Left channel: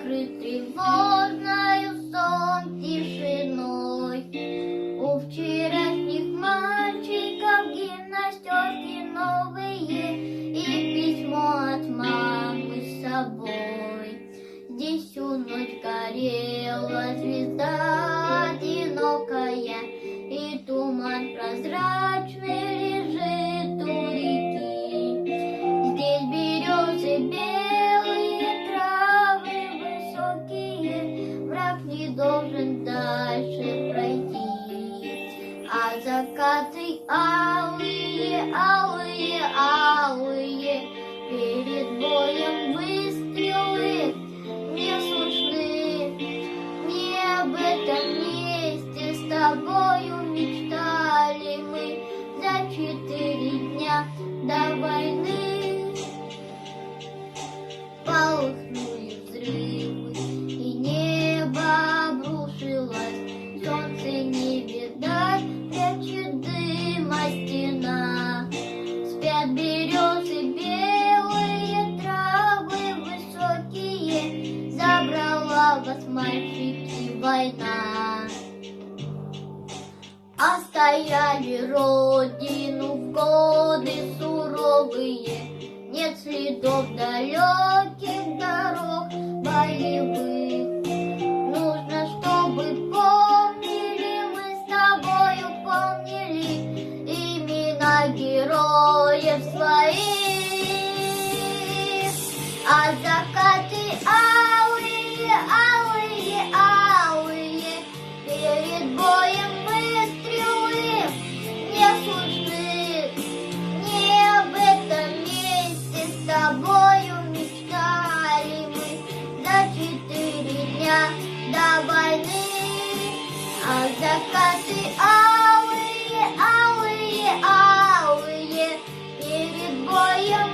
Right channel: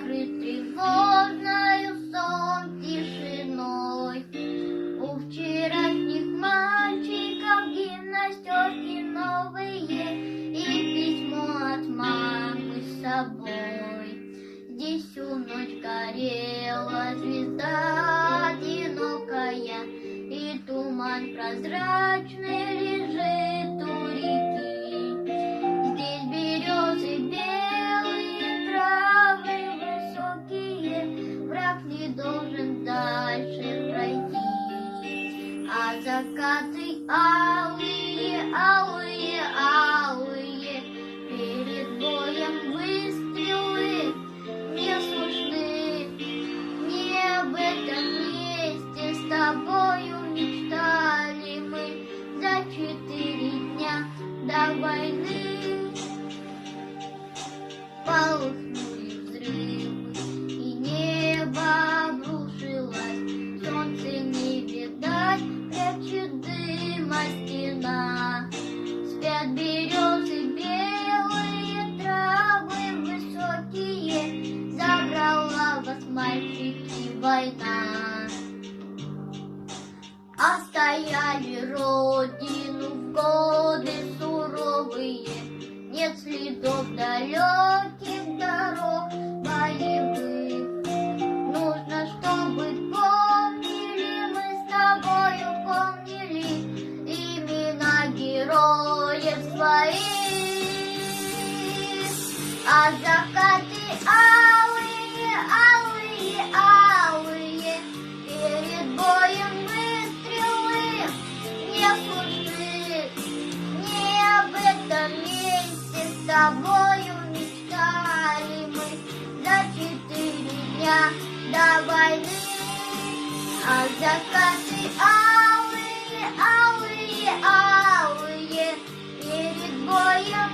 накрыт тревожною сон тишиной. У вчерашних мальчиков гимнастерки новые и письмо от мамы с собой. Здесь всю ночь горела звезда одинокая, и туман прозрачный лежит у реки. Здесь березы белые, травы высокие, враг не должен дальше пройти. А закаты алые, алые, алые, перед боем выстрелы не слышны. Не об этом месте с тобою мечтали мы за 4 дня до войны. Полыхнули взрывы, и небо обрушилось, солнце не видать, прячет дыма стена. Спят березы белые, травы высокие, забрала вас, мальчики, война. Остояли родину в годы суровые, нет следов далеких дорог боевых. Нужно, чтобы помнили, мы с тобою помнили имена героев своих. А закаты алые, алые, алые, перед боем выстрелы не слышны. Не об этом месте с тобою мечтали мы за 4 дня до войны. А закаты алые, алые, алые, перед боем